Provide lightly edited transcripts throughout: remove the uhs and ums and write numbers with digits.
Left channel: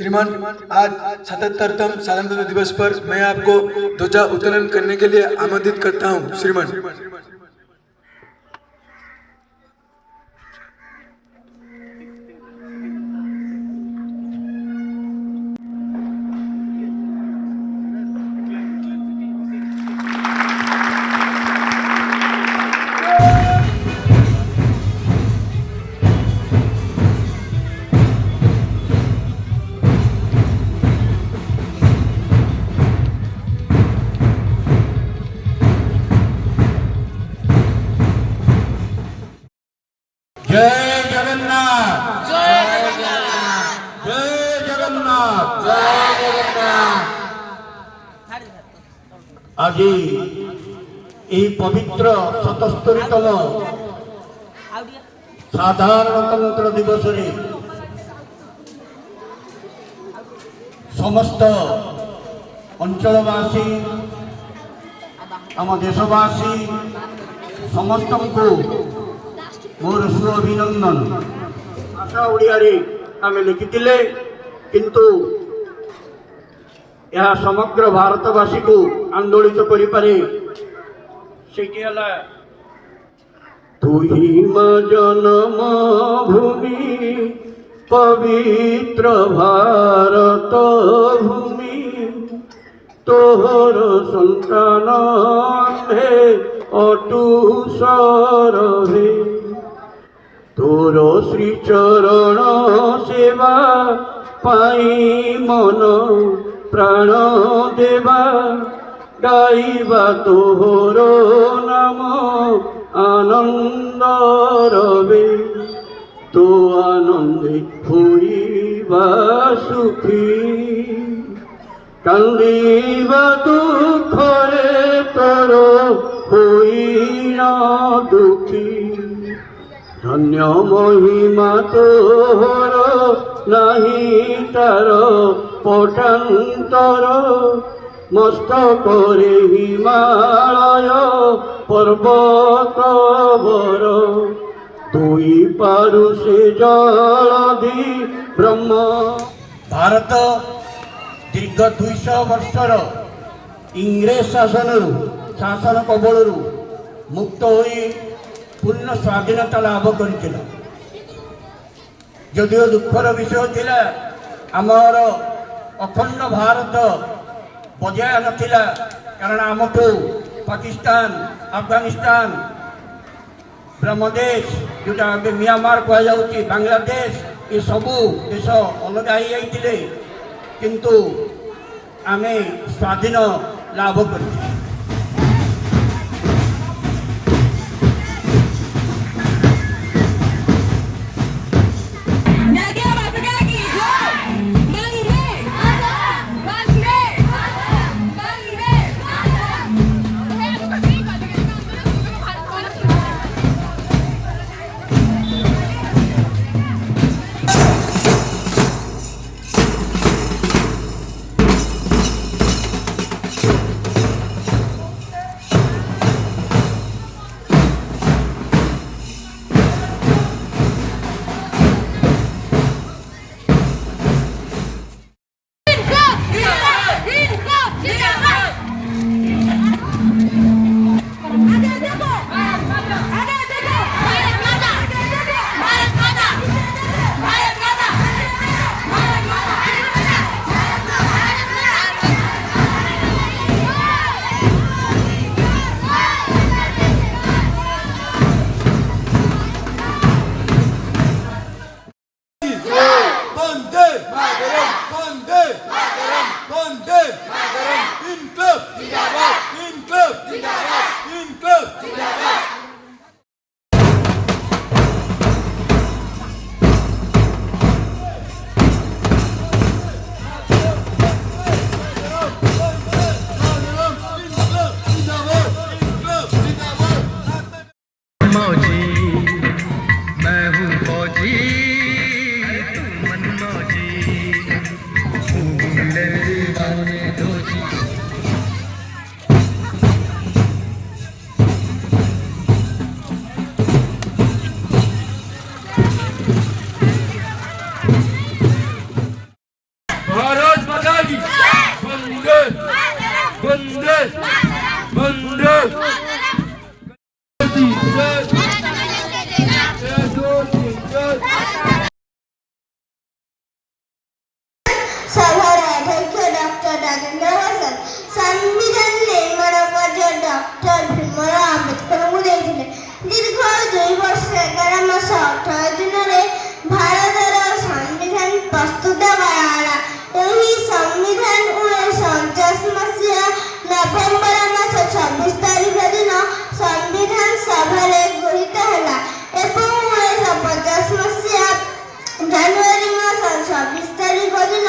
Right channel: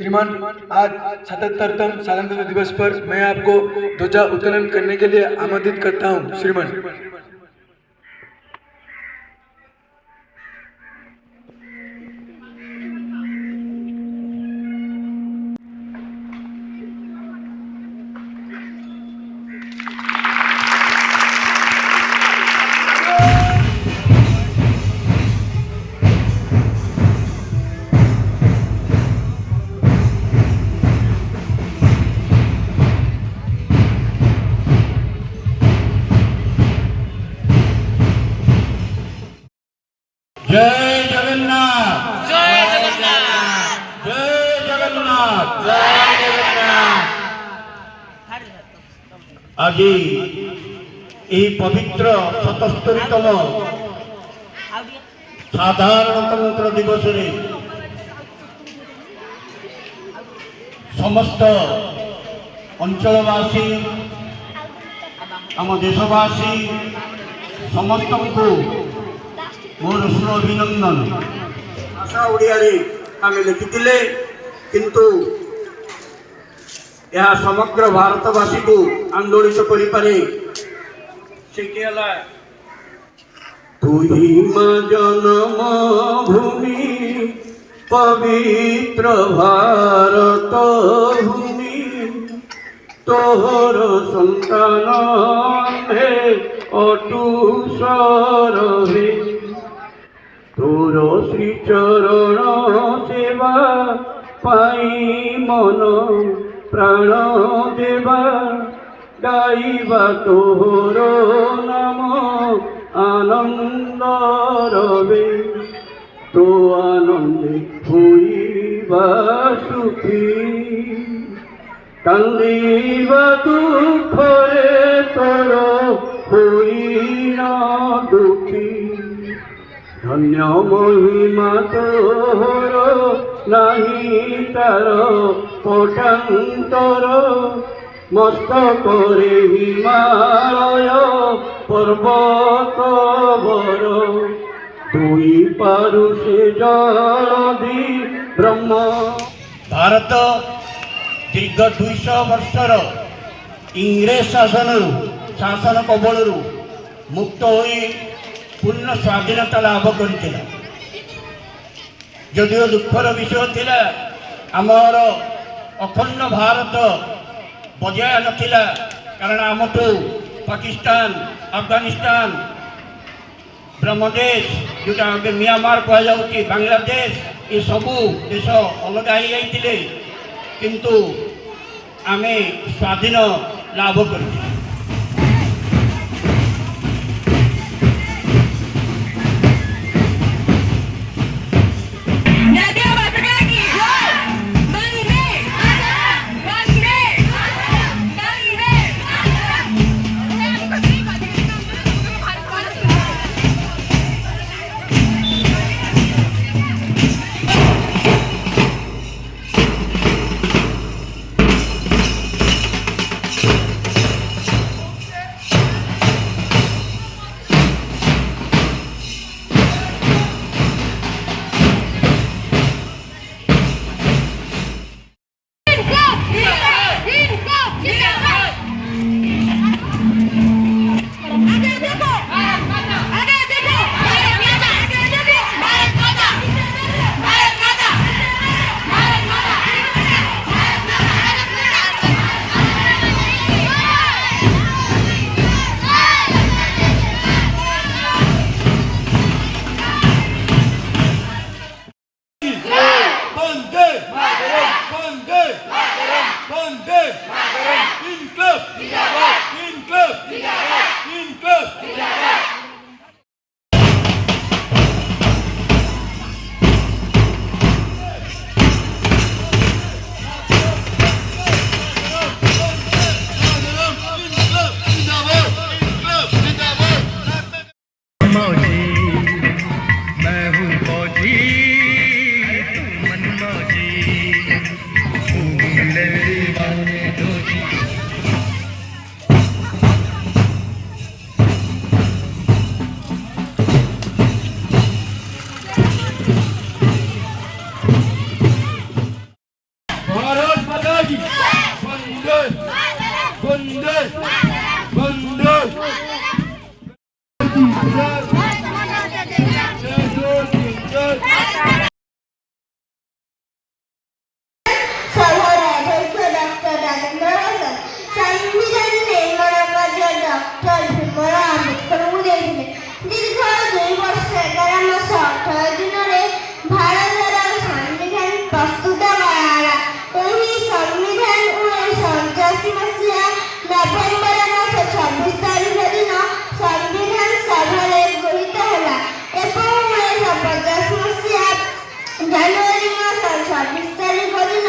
श्रीमान, आज 77तम स्वतंत्रता दिवस पर मैं आपको ध्वजा उत्तोलन करने के लिए आमंत्रित करता हूँ। श्रीमान, जय जगन्नाथ, जय जगन्नाथ, जय जगन्नाथ, जय जगन्नाथ। आज यही पवित्र 77तम साधारणतंत्र दिवस रे समस्त अंचलवासी आम देशवासी समस्त को मोर शुभ अभिनंदन। भाषा ओडिया आम लिखिले किंतु यह समग्र भारतवासी को आंदोलित करि पारे सेठी हला तुही मां जन्म भूमि पवित्र भारत भूमि तोहर संतान आम्भे अटू सरहे तोर श्रीचरण सेवा पाई मन प्राण देवा गाइबा तोर नाम आनंद रवे तो आनंदे होइबा सुखी कांदिबा दुखरे तोर होइना दुखी धन्य महिमा तोहर नहीं तार पटांतर मस्तकरे हिमालय पर्वत वर दुई पारु से जलधि ब्रह्म। भारत दीर्घ 200 वर्षर इंग्रेज शासन कबलरू मुक्त होई पूर्ण स्वाधीनता लाभ कर जदिव दुखर विषय थिला आमर अखंड भारत बजाय नथिला कारण आमठू पाकिस्तान अफगानिस्तान ब्रह्मदेश जोटा म्यांमार कह जाउची बांग्लादेश ये सबू देश अलग हो जाइए किंतु आमे स्वाधीन लाभ कर বন্দে সভার অধ্যক্ষ ডক্টর রাজেন্দ্র প্রসাদ সংবিধান নির্মাণকার্য ডক্টর ভীমরাও আম্বেদকরଙ୍କୁ ଦେଇଥିଲେ। ଦୀର୍ଘ 2 ବର୍ଷ 11 ମାସ 18 ଦିନରେ ଭାରତର ସମ୍ବିଧାନ ପ୍ରସ୍ତୁତ କରାଗଲା। ଏହି ସମ୍ବିଧାନ 1949 ମସିହା ନଭେମ୍ବର ମାସ 26 ତାରିଖ ଦିନ ସମ୍ବିଧାନ ସଭାରେ ଗୃହୀତ ହେଲା ଏବଂ 1950 ମସିହା ଜାନୁଆରୀ ମାସ 26 ତାରିଖ ଦିନ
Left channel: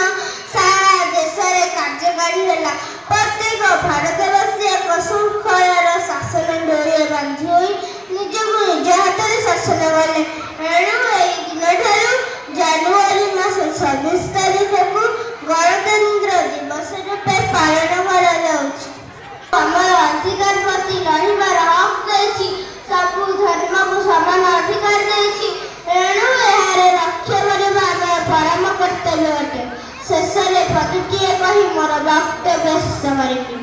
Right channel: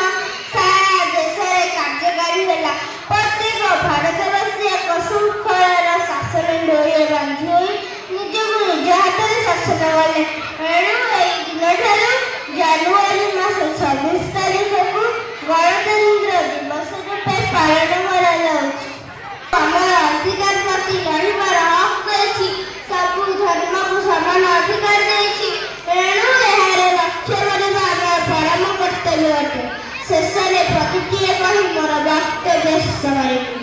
ସାରା ଦେଶରେ କାର୍ଯ୍ୟକାରୀ ହେଲା। ପ୍ରତ୍ୟେକ ଭାରତବାସୀ ଏକ ଶୃଙ୍ଖଳାର ଶାସନ ଡୋରିରେ ବାନ୍ଧି ହୋଇ ନିଜକୁ ନିଜ ହାତରେ ଶାସନ କଲେ। ଏଣୁ ଏହି ଦିନଠାରୁ ଜାନୁଆରୀ ମାସ 26 ତାରିଖକୁ ଗଣତନ୍ତ୍ର ଦିବସ ରୂପେ ପାଳନ କରାଯାଉଛି। ଆମର ଅଧିକାର ପ୍ରତି ଲଢ଼ିବାର ହକ୍ ଦେଇଛି, ସବୁ ଧର୍ମକୁ ସମାନ ଅଧିକାର ଦେଇଛି। ଏଣୁ ଏହାର ରକ୍ଷା କରିବା ଆମର ପରମ କର୍ତ୍ତବ୍ୟ ଅଟେ। ଶେଷରେ ପ୍ରତିକ୍ରିୟା କହି ମୋର ବକ୍ତବ୍ୟ ଶେଷ କରିବି।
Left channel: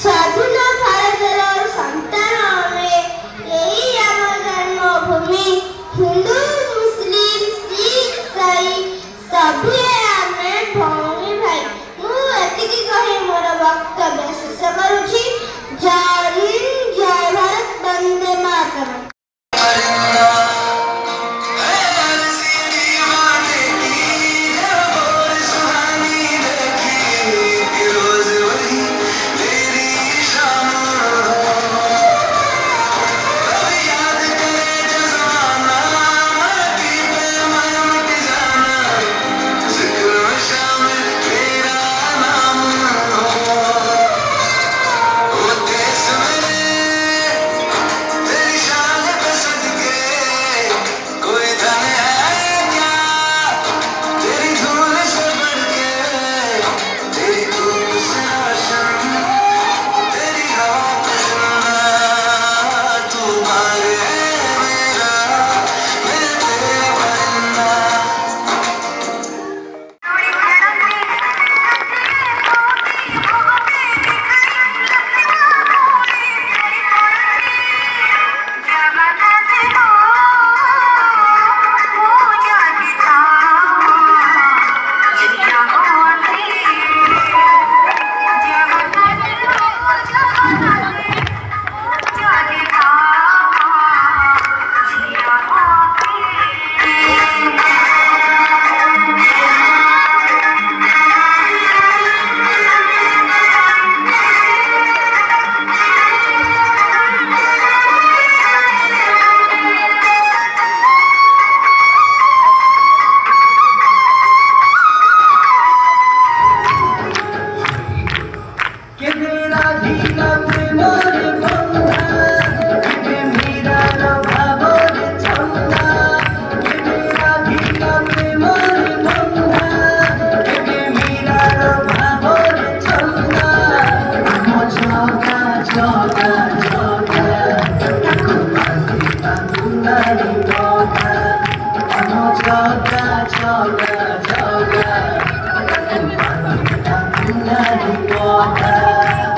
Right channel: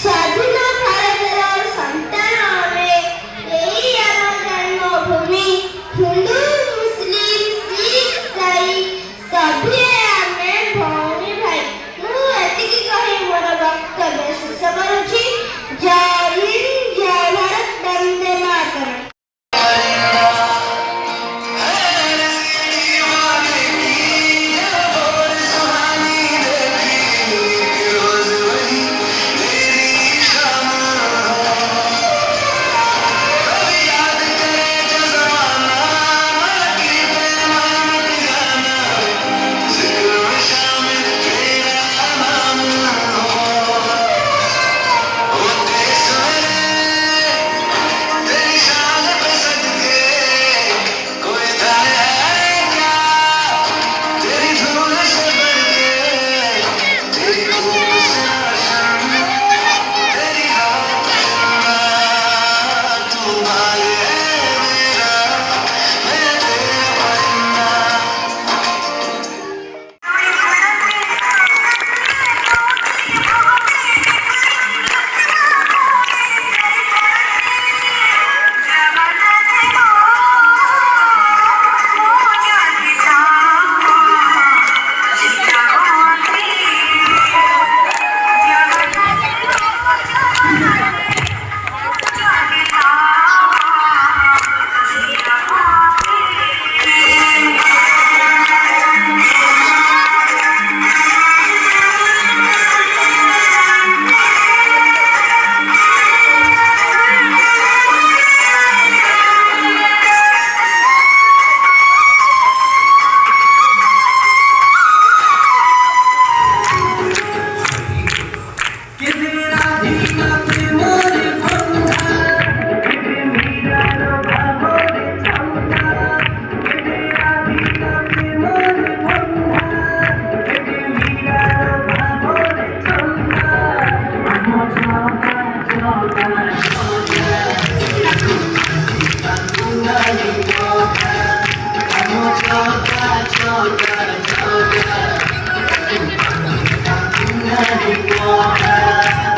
ସ୍ୱାଧୀନ ଭାରତର ସନ୍ତାନ ଆମେ, ଏହି ଆମ ଜନ୍ମଭୂମି। ହିନ୍ଦୁ ମୁସଲିମ ଶିଖ ଇସାଇ ସଭିଏ ଆମେ ଭଉଣୀ ଭାଇ। ମୁଁ ଏତିକି କହି ମୋର ବକ୍ତବ୍ୟ ଶେଷ କରୁଛି। ଜୟ ହିନ୍ଦ, ଜୟ ଭାରତ, ବନ୍ଦେ ମାତରମ୍। Water.